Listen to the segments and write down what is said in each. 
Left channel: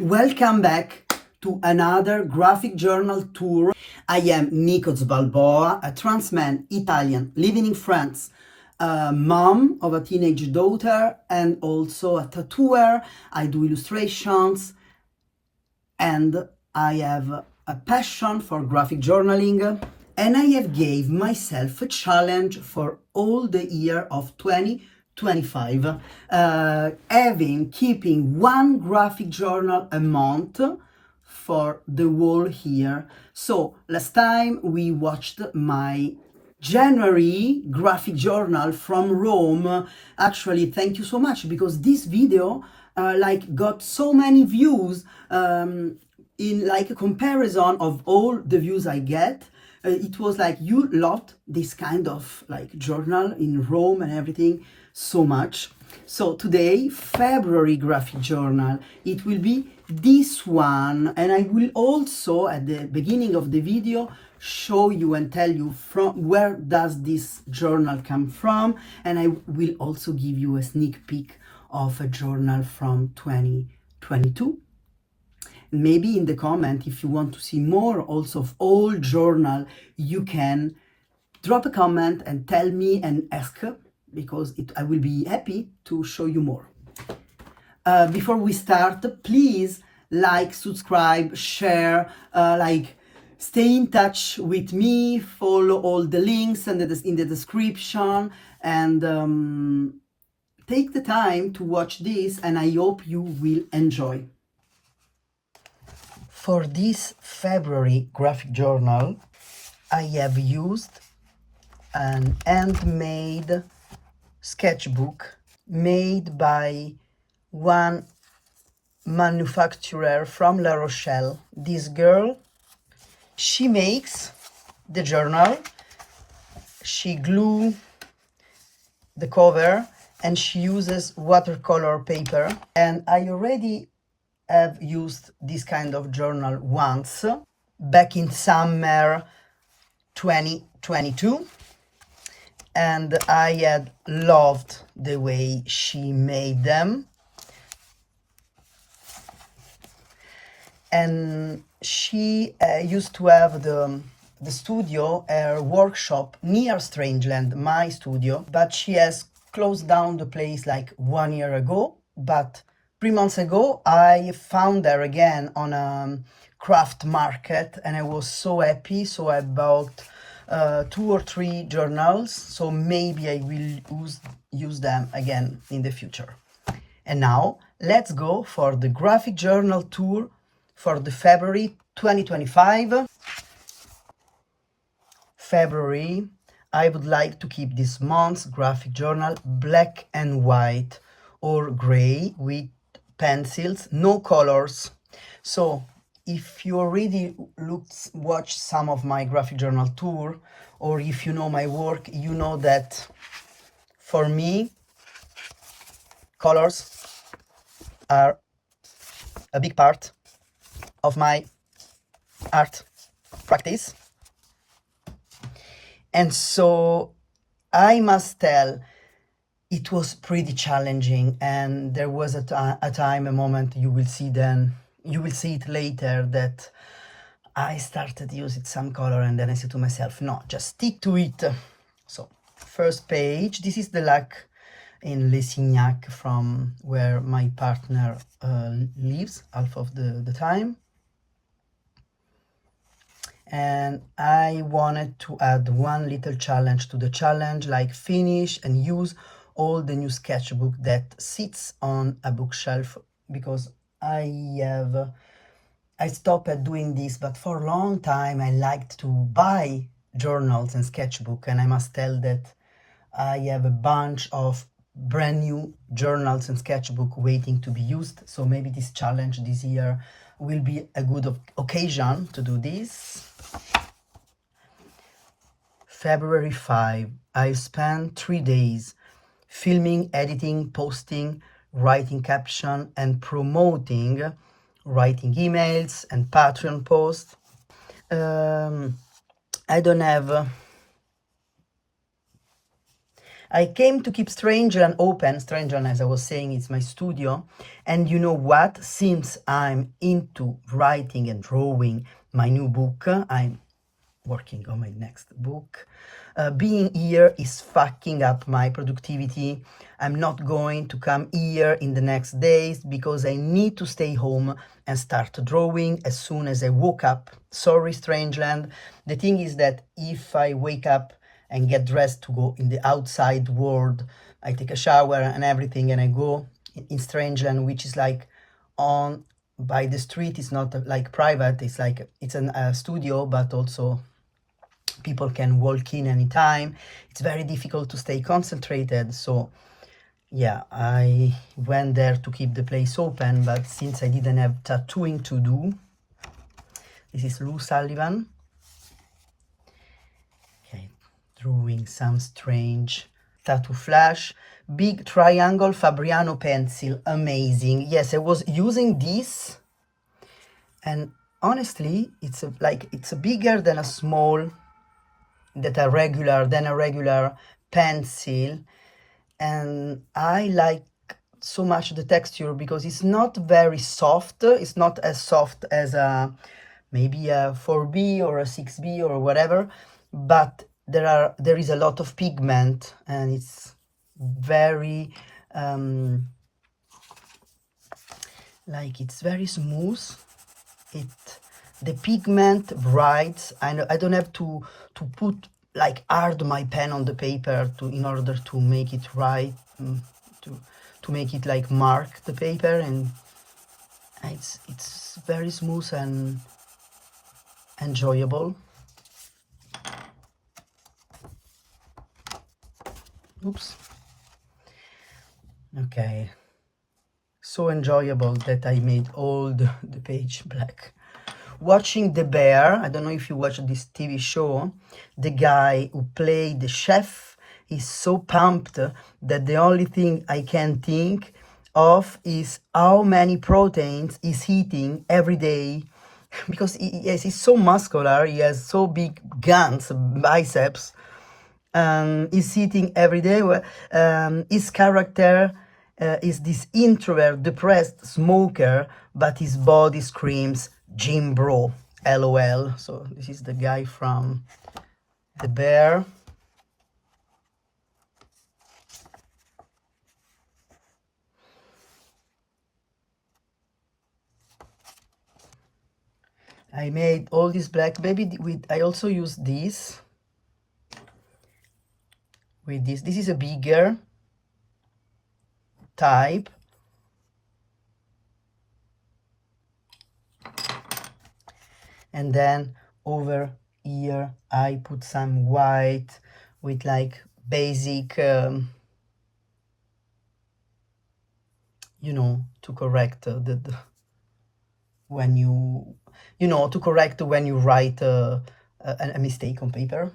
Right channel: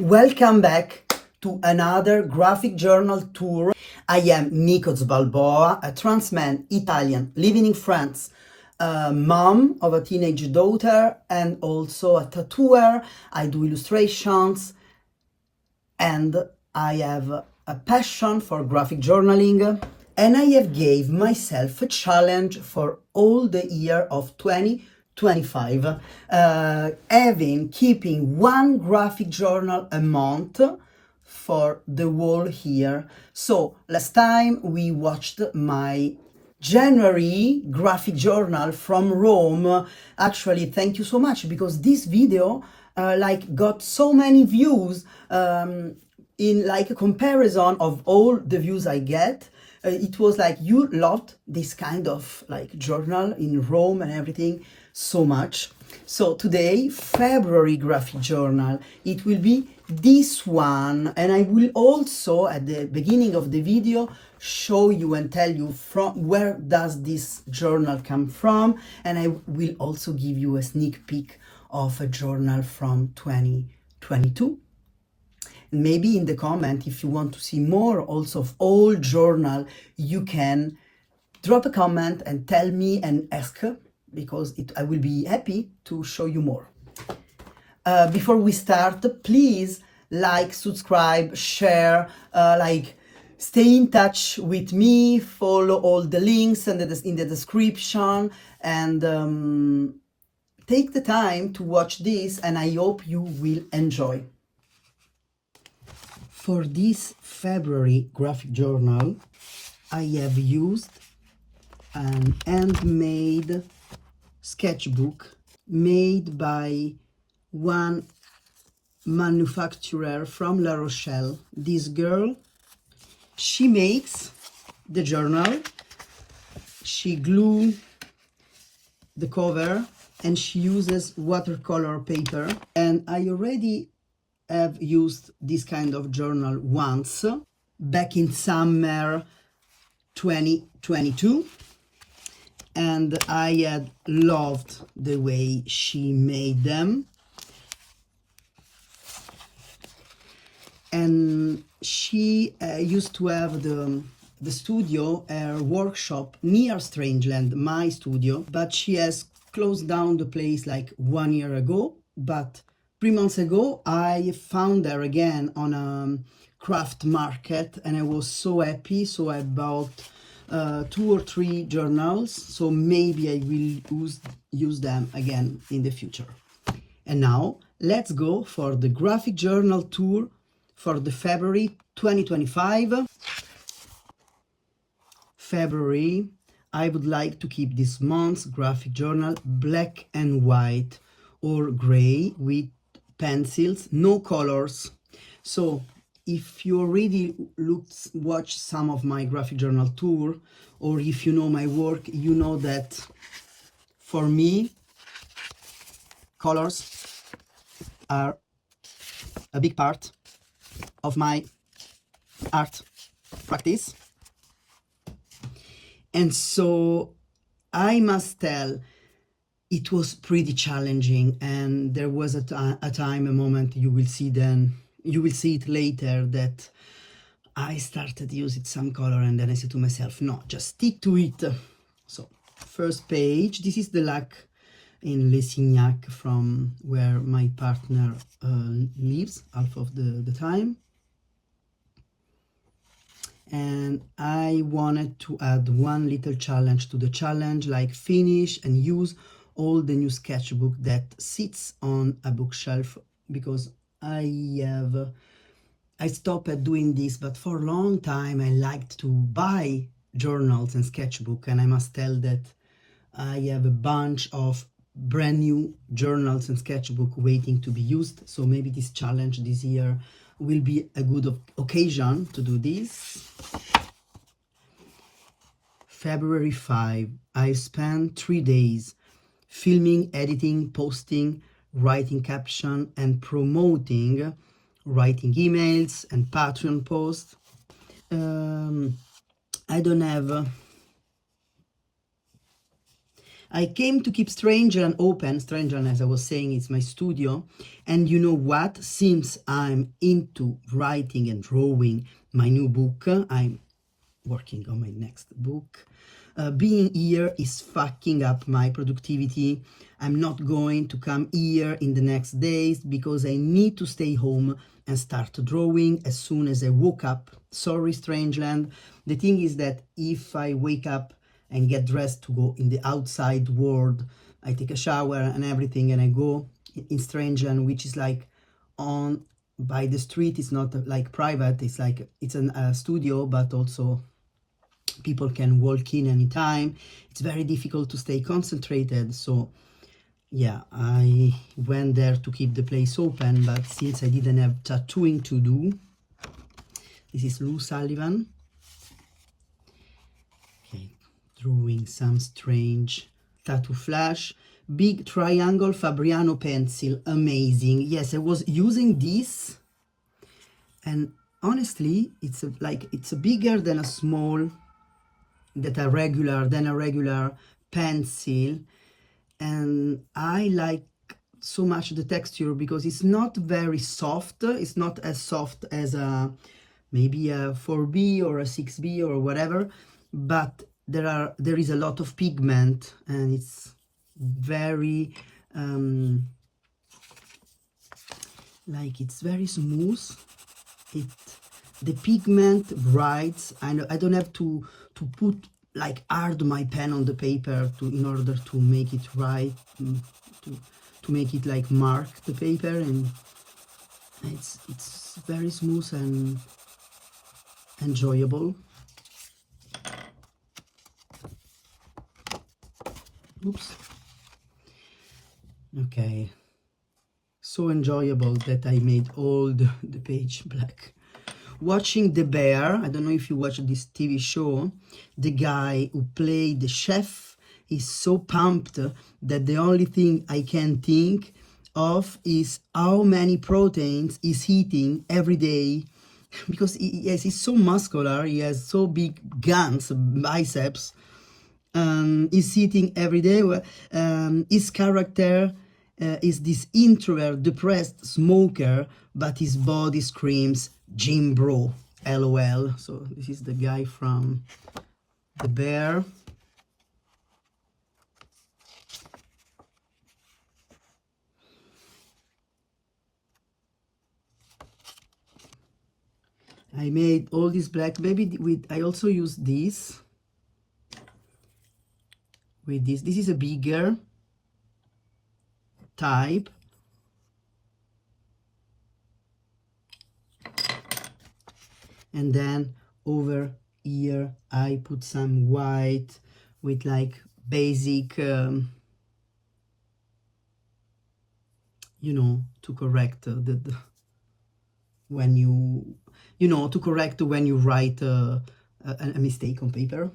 Welcome back to another graphic journal tour. I am Nikos Balboa, a trans man, Italian, living in France, a mom of a teenage daughter, and also a tattooer. I do illustrations, and I have a passion for graphic journaling. And I have gave myself a challenge for all the year of 2025, keeping one graphic journal a month for the whole year. So last time we watched my January graphic journal from Rome. Actually, thank you so much, because this video got so many views in like a comparison of all the views I get. It was like, you loved this kind of like journal in Rome and everything so much. So today, February graphic journal, it will be this one, and I will also at the beginning of the video show you and tell you from where does this journal come from, and I will also give you a sneak peek of a journal from 2022. Maybe in the comment, if you want to see more also of all journal, you can drop a comment and tell me and ask, because I will be happy to show you more. Before we start, please like, subscribe, share, stay in touch with me, follow all the links in the description, and take the time to watch this, and I hope you will enjoy. For this February graphic journal, I have used an handmade sketchbook made by one manufacturer from La Rochelle. This girl, she makes the journal, she glue the cover, and she uses watercolor paper. And I already have used this kind of journal once, back in summer 2022, and I had loved the way she made them. And she used to have the studio, her workshop near Strangeland, my studio, but she has closed down the place like 1 year ago. But 3 months ago, I found her again on a craft market, and I was so happy. So I bought 2 or 3 journals. So maybe I will use them again in the future. And now let's go for the graphic journal tour for the February 2025. February, I would like to keep this month's graphic journal black and white or gray with pencils, no colors. So if you already watched some of my graphic journal tour, or if you know my work, you know that for me, colors are a big part of my art practice. And so I must tell, it was pretty challenging, and there was a moment, you will see it later, that I started using some color, and then I said to myself, no, just stick to it. So first page, this is the lac in Les Signac, from where my partner lives half of the time. And I wanted to add one little challenge to the challenge, like finish and use all the new sketchbook that sits on a bookshelf, because I stopped at doing this, but for a long time I liked to buy journals and sketchbook, and I must tell that I have a bunch of brand new journals and sketchbook waiting to be used. So maybe this challenge this year will be a good occasion to do this. February 5, I spent 3 days filming, editing, posting, writing caption, and promoting, writing emails and Patreon posts. I don't have I came to keep Strangeland open. Strangeland, as I was saying, it's my studio. And you know what? Since I'm into writing and drawing my new book, I'm working on my next book. Being here is fucking up my productivity. I'm not going to come here in the next days because I need to stay home and start drawing as soon as I woke up. Sorry, Strangeland. The thing is that if I wake up and get dressed to go in the outside world, I take a shower and everything and I go in Strangeland, which is like on by the street. It's not like private, it's like it's a studio, but also people can walk in anytime. It's very difficult to stay concentrated, so yeah, I went there to keep the place open, but since I didn't have tattooing to do, this is Lou Sullivan. Okay, drawing some strange tattoo flash. Big triangle Fabriano pencil, amazing. Yes, I was using this, and honestly, it's bigger than a small, a regular pencil, and I like so much the texture because it's not very soft. It's not as soft as maybe a 4B or a 6B or whatever, but there is a lot of pigment and it's very it's very smooth. The pigment writes. I don't have to put like hard my pen on the paper in order to make it right, to make it like mark the paper, and it's very smooth and enjoyable. Oops. Okay, so enjoyable that I made all the page black. Watching The Bear, I don't know if you watch this TV show, the guy who played the chef is so pumped that the only thing I can think of is how many proteins he's eating every day, because he's so muscular, he has so big guns, biceps, and he's eating every day. His character is this introvert, depressed smoker, but his body screams Jim Bro, LOL. So this is the guy from The Bear. I made all this black, maybe I also use this with this. This is a bigger type. And then over here I put some white with like basic you know, to correct when to correct when you write a mistake on paper.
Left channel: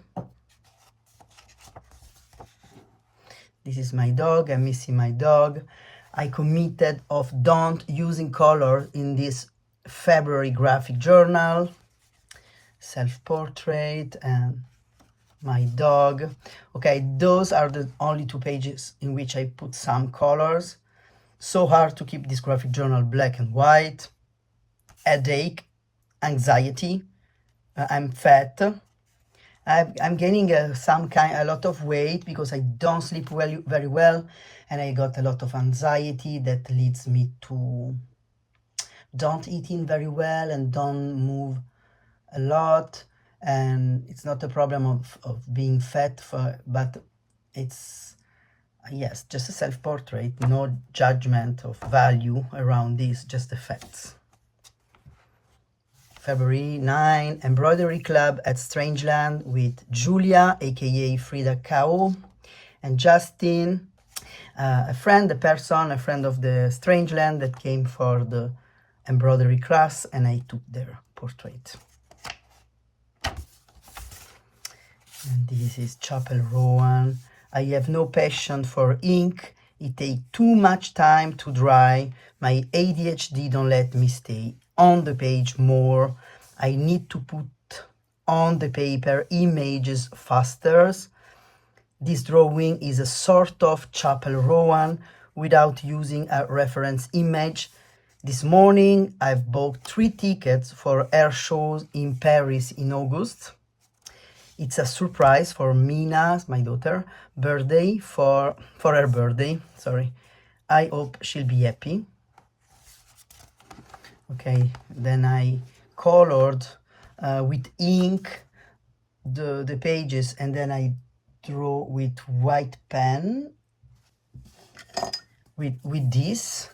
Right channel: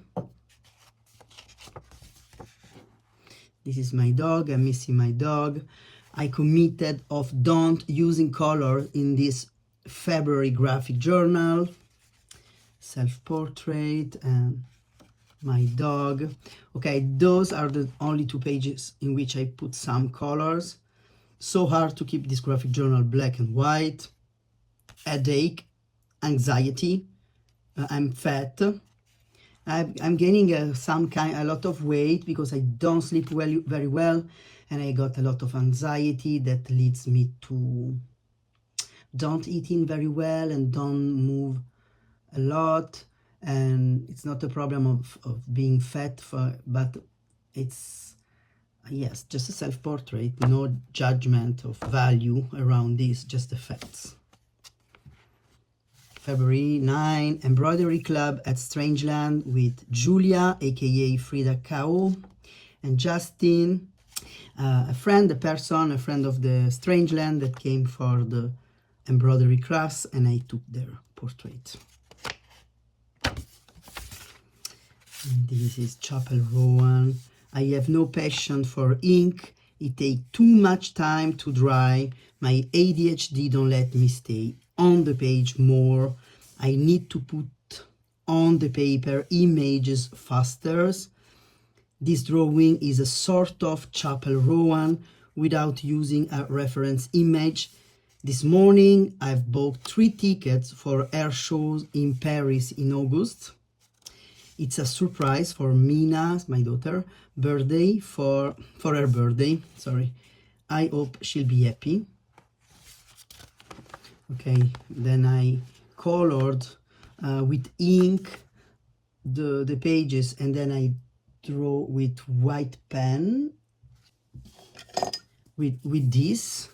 This is my dog. I'm missing my dog. I committed of don't using color in this February graphic journal. Self-portrait and my dog. Okay, those are the only 2 pages in which I put some colors. So hard to keep this graphic journal black and white. Headache, anxiety. I'm fat. I'm gaining a lot of weight because I don't sleep very well, and I got a lot of anxiety that leads me to don't eating very well and don't move a lot. And it's not a problem of being fat, but it's yes, just a self-portrait, no judgment of value around this, just the facts. February 9, Embroidery Club at Strangeland with Julia, aka Frida Kao, and Justin, a friend of the Strangeland that came for the embroidery class, and I took their portrait. And this is Chapel Rowan. I have no passion for ink. It takes too much time to dry. My ADHD don't let me stay on the page more. I need to put on the paper images faster. This drawing is a sort of Chapel Rowan without using a reference image. This morning I've bought 3 tickets for air shows in Paris in August. It's a surprise for Mina, my daughter, birthday, for her birthday, sorry. I hope she'll be happy. Okay, then I colored with ink the pages, and then I draw with white pen with this.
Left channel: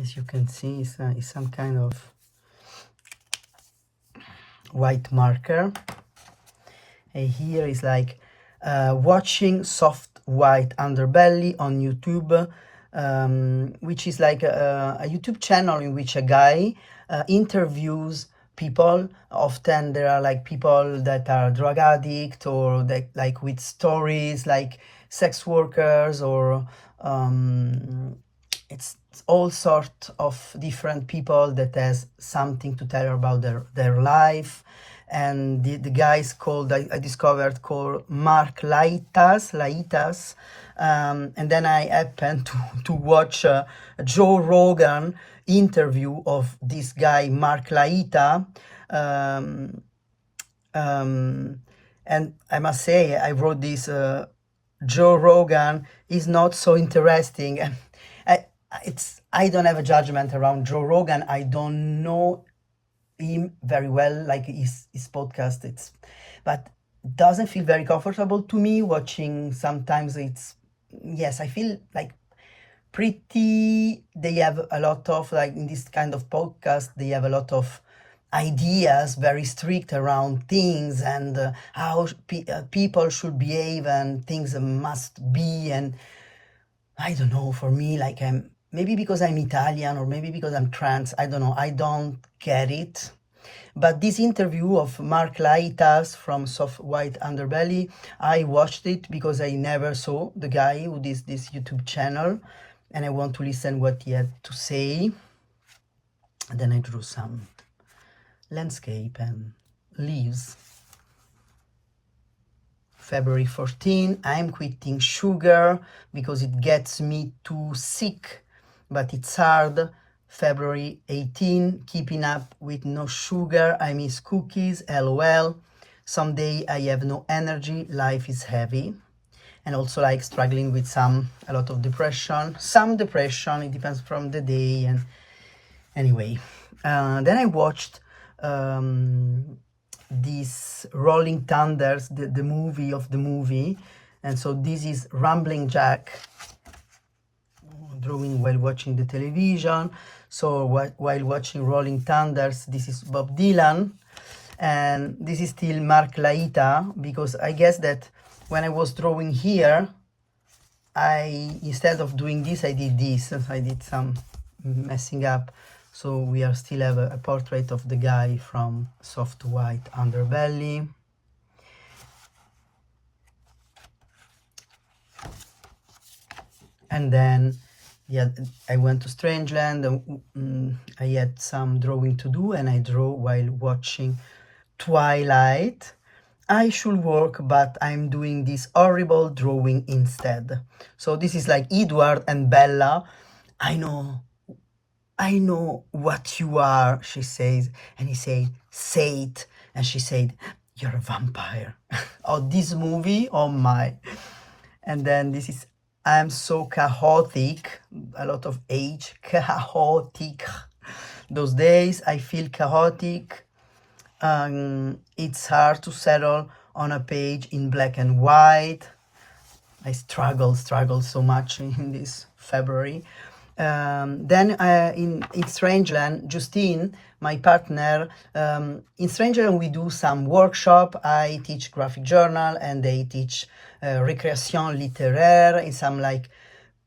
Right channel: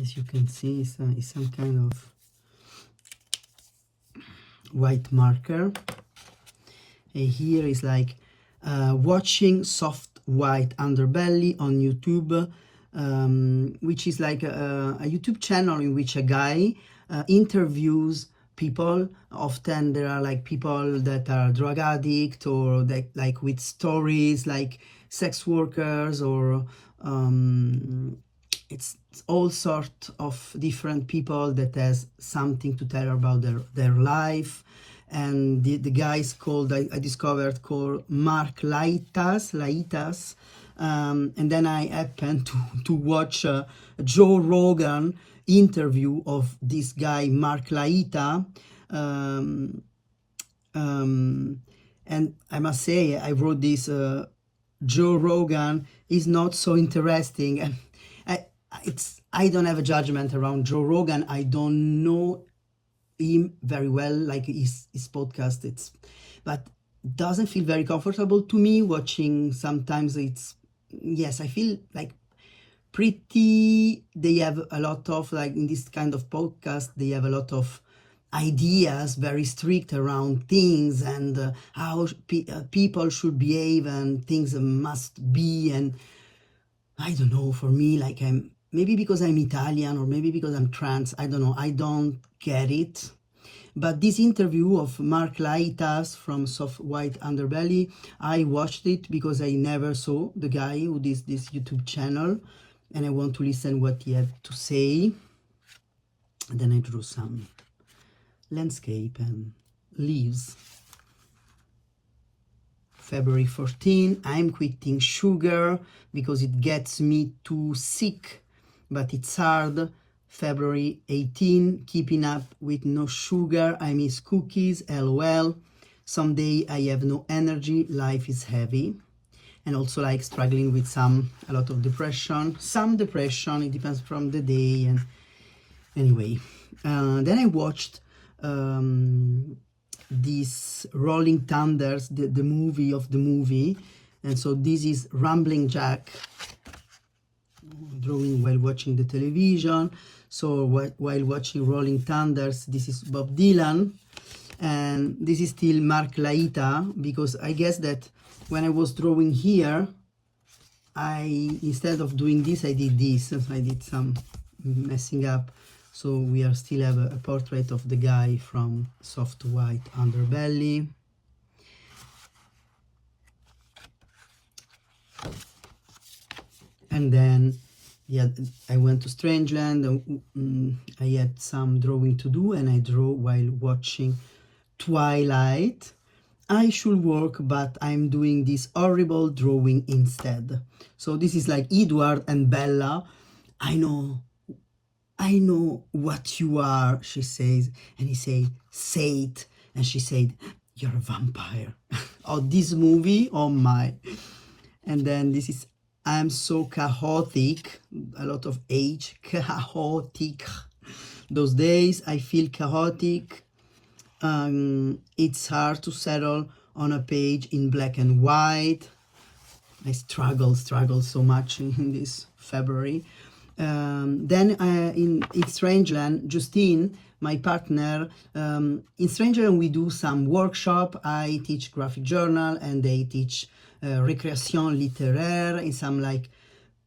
As you can see, it's some kind of white marker. And here is like watching soft white underbelly on YouTube, which is like a YouTube channel in which a guy interviews people. Often there are like people that are drug addict, or that like with stories like sex workers, or it's all sorts of different people that has something to tell about their life. And the guys called, I discovered, called Mark Laitas. And then I happened to watch a Joe Rogan interview of this guy, Mark Laita. And I must say, I wrote this, Joe Rogan is not so interesting. And I don't have a judgment around Joe Rogan. I don't know him very well, like his podcast, but doesn't feel very comfortable to me watching. Sometimes yes, I feel like they have a lot of, like in this kind of podcast, they have a lot of ideas, very strict around things, and how people should behave, and things must be. And I don't know, for me, like maybe because I'm Italian, or maybe because I'm trans, I don't know, I don't get it. But this interview of Mark Laitas from Soft White Underbelly, I watched it because I never saw the guy who did this YouTube channel, and I want to listen what he had to say. And then I drew some landscape and leaves. February 14, I'm quitting sugar because it gets me too sick, but it's hard. February 18, keeping up with no sugar, I miss cookies, lol. Someday I have no energy, life is heavy. And also like struggling with a lot of depression. Some depression, it depends from the day. And anyway, then I watched this Rolling Thunders, the movie. And so this is Rambling Jack, drawing while watching the television. So while watching Rolling Thunders, this is Bob Dylan, and this is still Mark Laita, because I guess that when I was drawing here, instead of doing this, I did this. I did some messing up. So we still have a portrait of the guy from Soft White Underbelly. And then, yeah, I went to Strangeland, and I had some drawing to do, and I draw while watching Twilight. I should work, but I'm doing this horrible drawing instead. So this is like Edward and Bella. I know what you are, she says. And he says, say it. And she said, you're a vampire. Oh, this movie, oh my. And then this is, I'm so chaotic, a lot of H, chaotic. Those days I feel chaotic. It's hard to settle on a page in black and white. I struggle so much in this February. Then in Strangeland, Justine, my partner, in Strangeland we do some workshop. I teach graphic journal, and they teach récréation littéraire. It's some like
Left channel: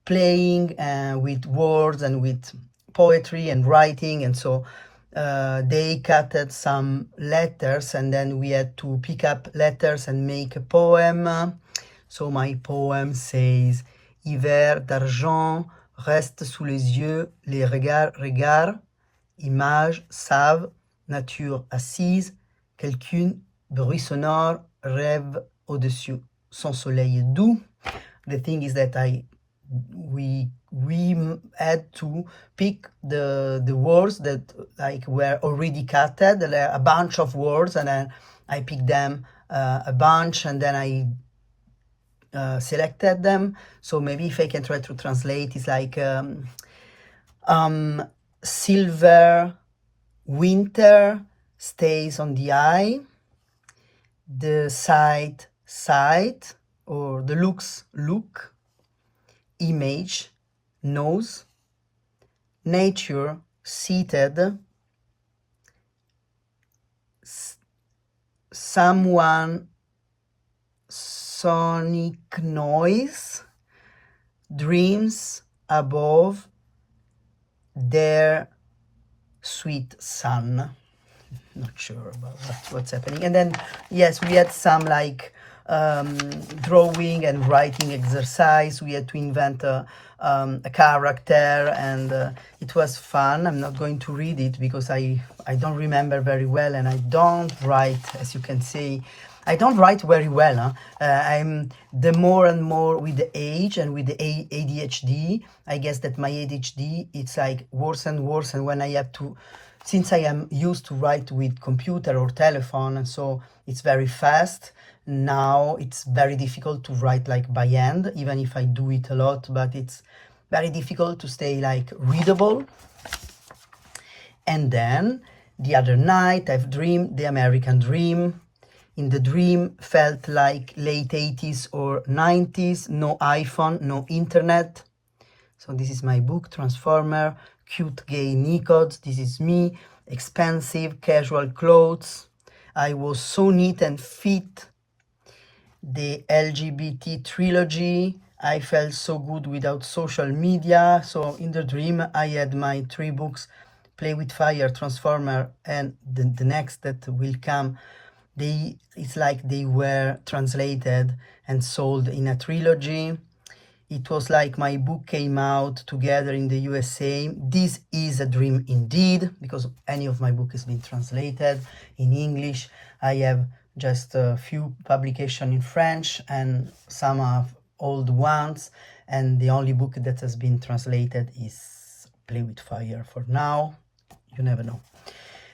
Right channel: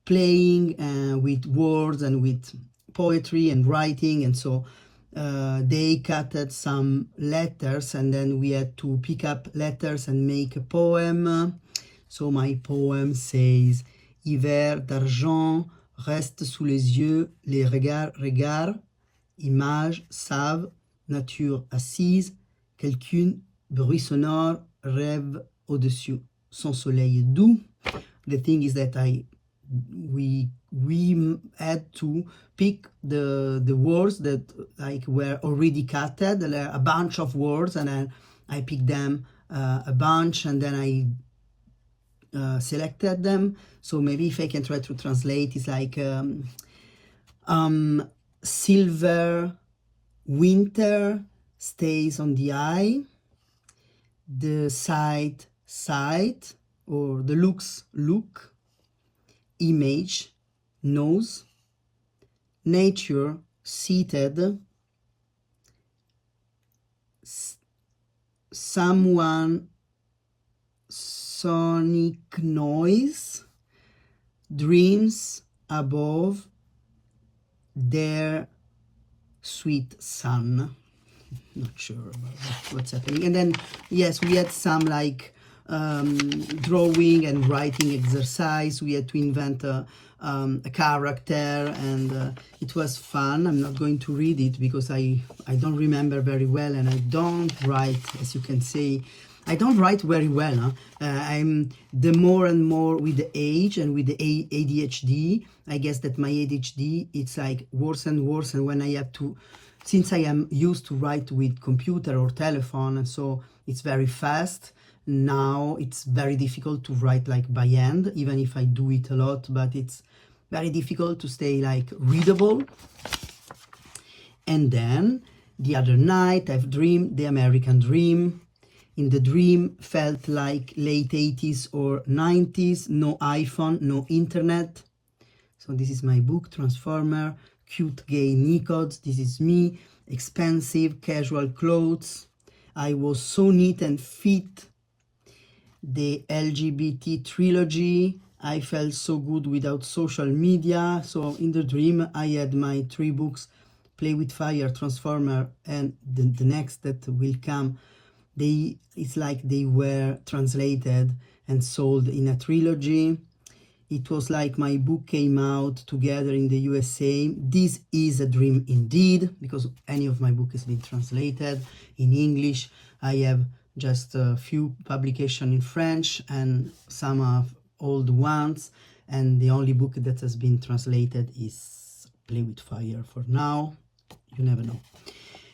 playing with words and with poetry and writing. And so they cutted some letters, and then we had to pick up letters and make a poem. So my poem says, hiver d'argent reste sous les yeux, les regards, images savent, nature assise, quelqu'un, bruit sonore, rêve au-dessus, son soleil doux. The thing is that we had to pick the words that like were already cutted, a bunch of words, and then I picked them a bunch, and then I selected them. So maybe if I can try to translate, it's like silver winter stays on the eye, the sight or the looks look, image nose, nature seated, someone sonic noise, dreams above their sweet sun. Not sure about what's happening. And then yes, we had some like drawing and writing exercise. We had to invent a character, and it was fun. I'm not going to read it because I don't remember very well, and I don't write, as you can see, I don't write very well. I'm the more and more with the age and with the ADHD. I guess that my ADHD, it's like worse and worse. And when I have to, since I am used to write with computer or telephone, and so it's very fast. Now it's very difficult to write like by hand, even if I do it a lot, but it's very difficult to stay like readable. And then the other night I've dreamed the American dream. In the dream felt like late 80s or 90s, no iPhone, no internet. So this is my book, Transformer, cute gay Nicods. This is me, expensive casual clothes. I was so neat and fit. The LGBT trilogy. I felt so good without social media. So in the dream, I had my 3 books, Play with Fire, Transformer, and the next that will come. It's like they were translated and sold in a trilogy. It was like my book came out together in the USA. This is a dream indeed, because any of my book has been translated in English. I have just a few publications in French and some of old ones, and the only book that has been translated is Play with Fire for now. You never know.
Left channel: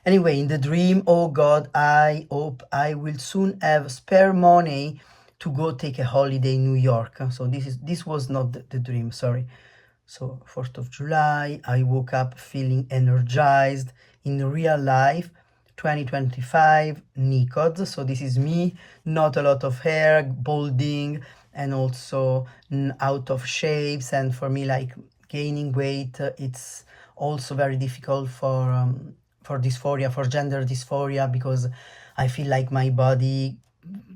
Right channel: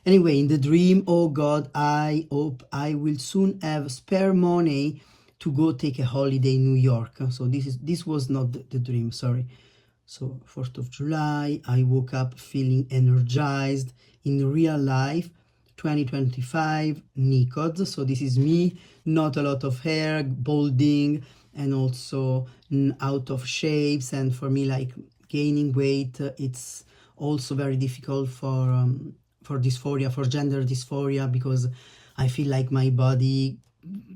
Anyway, in the dream, oh God, I hope I will soon have spare money to go take a holiday in New York. So this was not the dream, sorry. So 4th of July, I woke up feeling energized. In real life, 2025, Nicods. So this is me, not a lot of hair, balding, and also out of shapes. And for me, like gaining weight, it's also very difficult for dysphoria, for gender dysphoria, because I feel like my body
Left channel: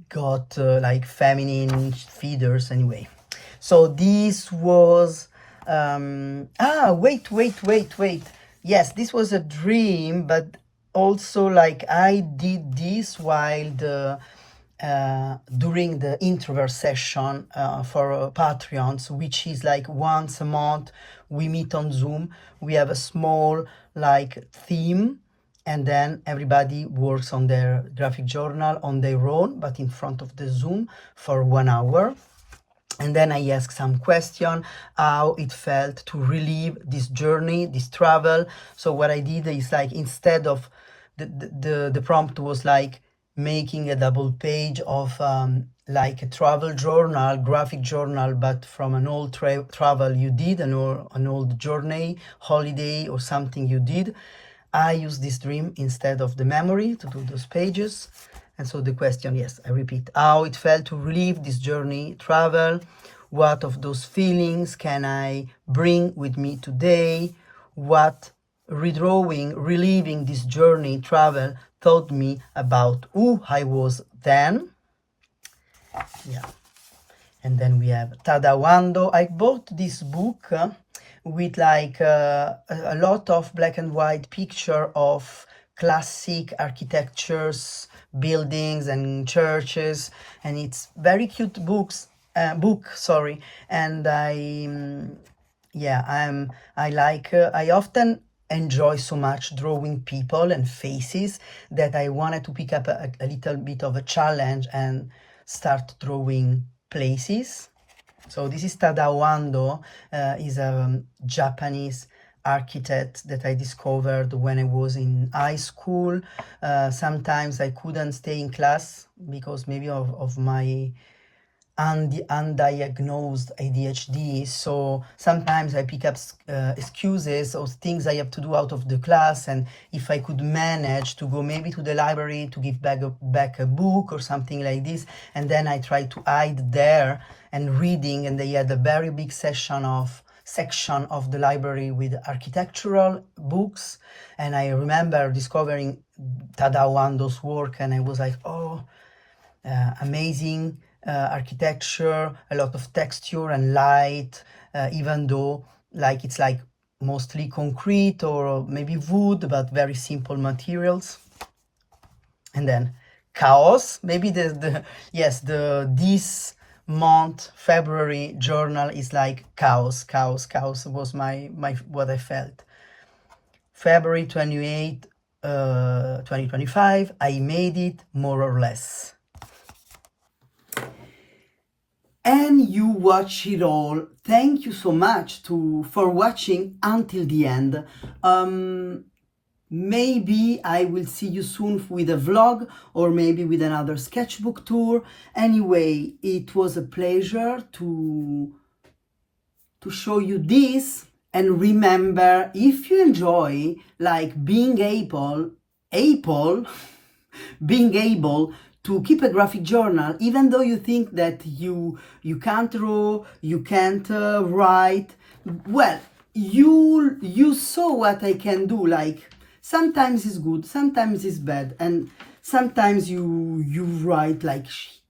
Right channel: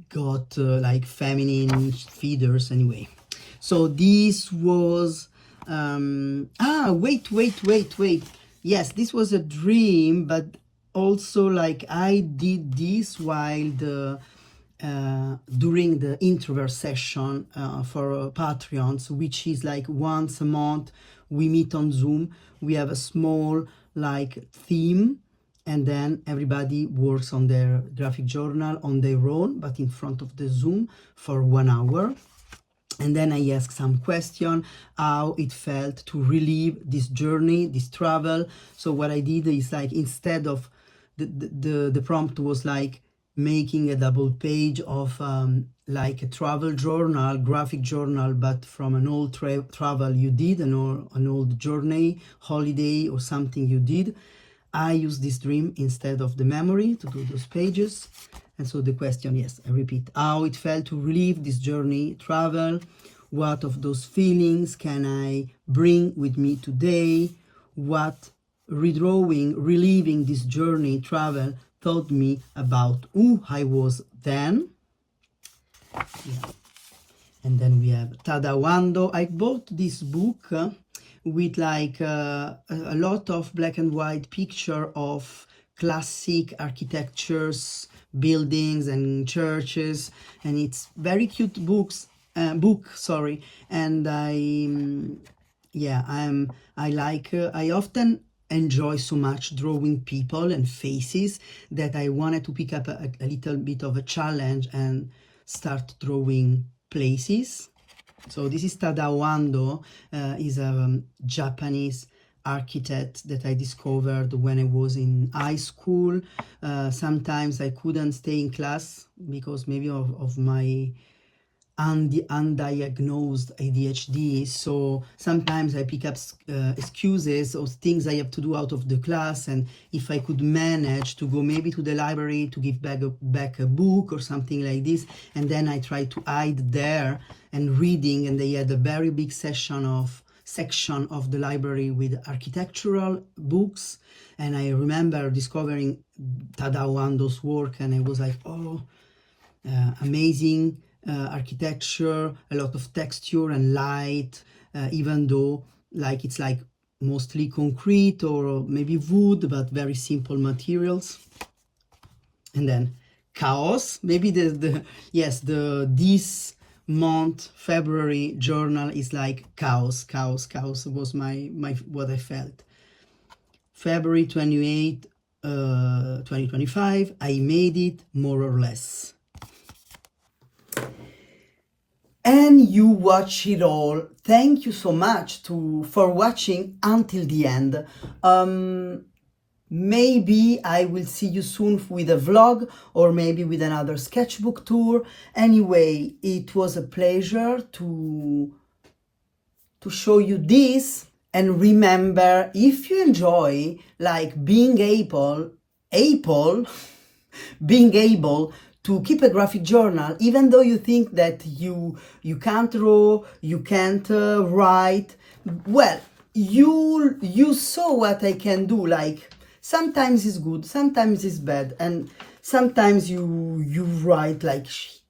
got like feminine feeders anyway. So this was wait. Yes, this was a dream, but also like I did this while during the introvert session for Patreons, which is like once a month we meet on Zoom. We have a small like theme, and then everybody works on their graphic journal on their own, but in front of the Zoom for 1 hour. And then I ask some question, how it felt to relive this journey, this travel. So what I did is like, instead of the prompt was like making a double page of like a travel journal, graphic journal, but from an old travel you did, an old journey, holiday, or something you did. I use this dream instead of the memory to do those pages. And so the question, yes, I repeat, how it felt to relive this journey, travel. What of those feelings can I bring with me today? What reliving this journey, travel, taught me about who I was then. Yeah. And then we have Tadawando. I bought this book with like a lot of black and white picture of classic architectures, buildings and churches, and it's very cute book. And I often enjoy so much drawing people and faces that I wanted to pick up a little bit of a challenge and start drawing places. So this is Tadao Ando, is a Japanese architect that I discovered when I was in high school. Sometimes I couldn't stay in class because maybe of my undiagnosed ADHD, so sometimes I pick up excuses or things I have to do out of the class, and if I could manage to go maybe to the library to give back a book or something like this, and then I try to hide there and reading, and they had a very big section of the library with architectural books, and I remember discovering Tadao Ando's work, and I was like, oh, amazing architecture, a lot of texture and light, even though like it's like mostly concrete or maybe wood, but very simple materials. And then chaos, maybe this month, February journal is like chaos was my what I felt. February 28, 2025, I made it more or less. And you watch it all. Thank you so much for watching until the end. Maybe I will see you soon with a vlog or maybe with another sketchbook tour. Anyway, it was a pleasure to show you this. And remember, if you enjoy like being able being able to keep a graphic journal, even though you think that you can't draw, you can't write, well, you saw what I can do. Like sometimes it's good, sometimes it's bad, and sometimes you write like shit,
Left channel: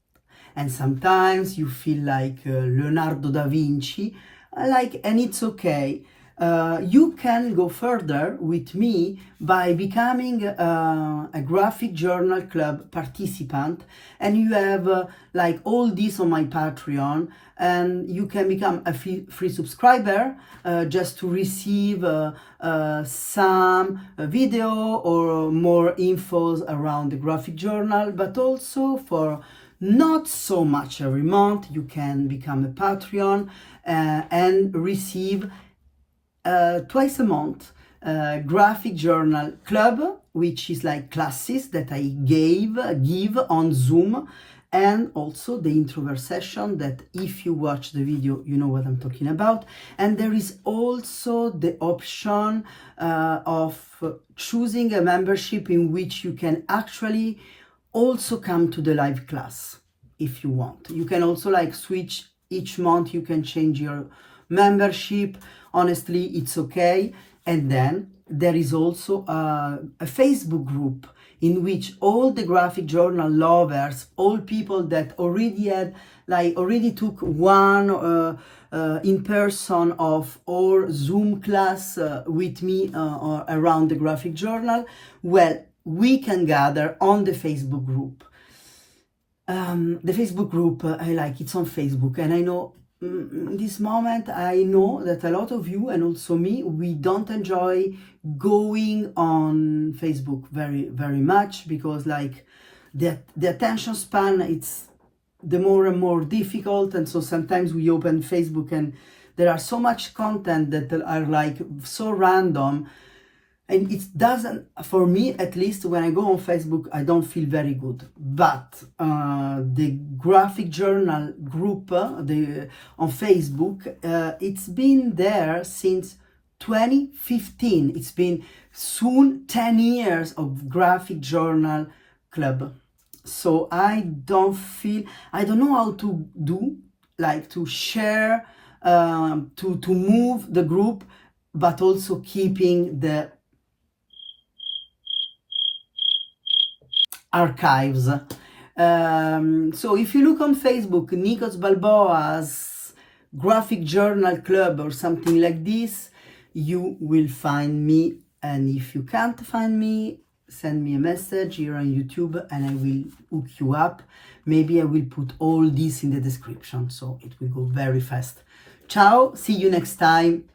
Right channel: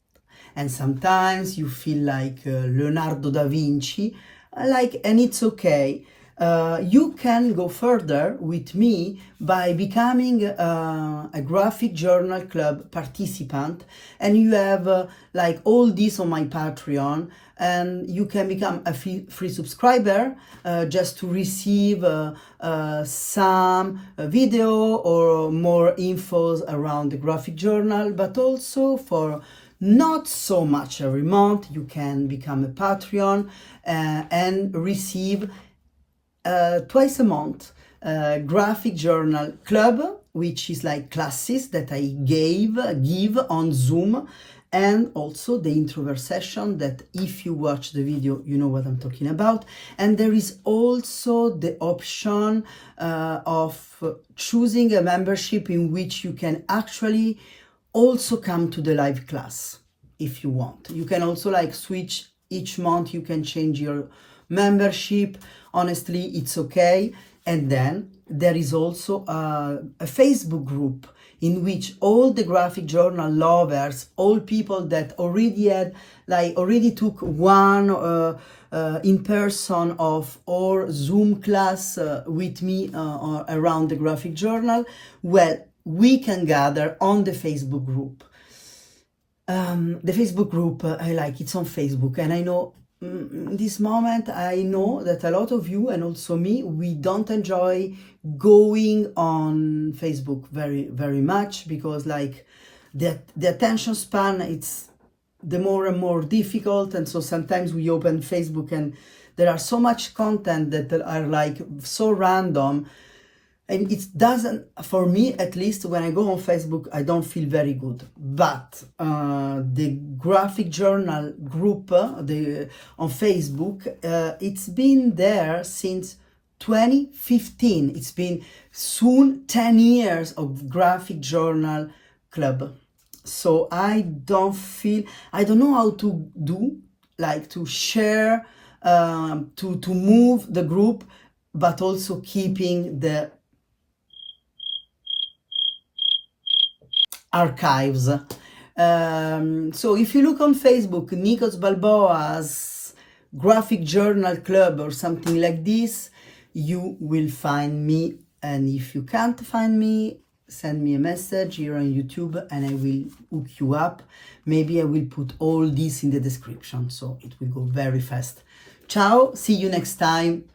and sometimes you feel like Leonardo da Vinci, and it's okay. You can go further with me by becoming a graphic journal club participant, and you have like all this on my Patreon, and you can become a free subscriber just to receive some video or more infos around the graphic journal, but also for not so much every month you can become a Patreon and receive twice a month graphic journal club, which is like classes that I give on Zoom, and also the introvert session that if you watch the video you know what I'm talking about. And there is also the option of choosing a membership in which you can actually also come to the live class if you want. You can also like switch each month, you can change your membership. Honestly, it's okay. And then there is also a Facebook group in which all the graphic journal lovers, all people that already took one in person or Zoom class with me around the graphic journal, well, we can gather on the Facebook group. The Facebook group, it's on Facebook, and I know this moment, I know that a lot of you and also me, we don't enjoy going on Facebook very, very much, because like the attention span, it's the more and more difficult. And so sometimes we open Facebook and there are so much content that are like so random, and it doesn't, for me at least, when I go on Facebook, I don't feel very good. But the graphic journal group on Facebook, it's been there since 2015. It's been soon 10 years of graphic journal club. So I don't know how to do, like to share, to move the group, but also keeping the archives. So if you look on Facebook, Nikos Balboa's graphic journal club or something like this, you will find me. And if you can't find me, send me a message here on YouTube and I will hook you up. Maybe I will put all this in the description, so it will go very fast. Ciao, see you next time.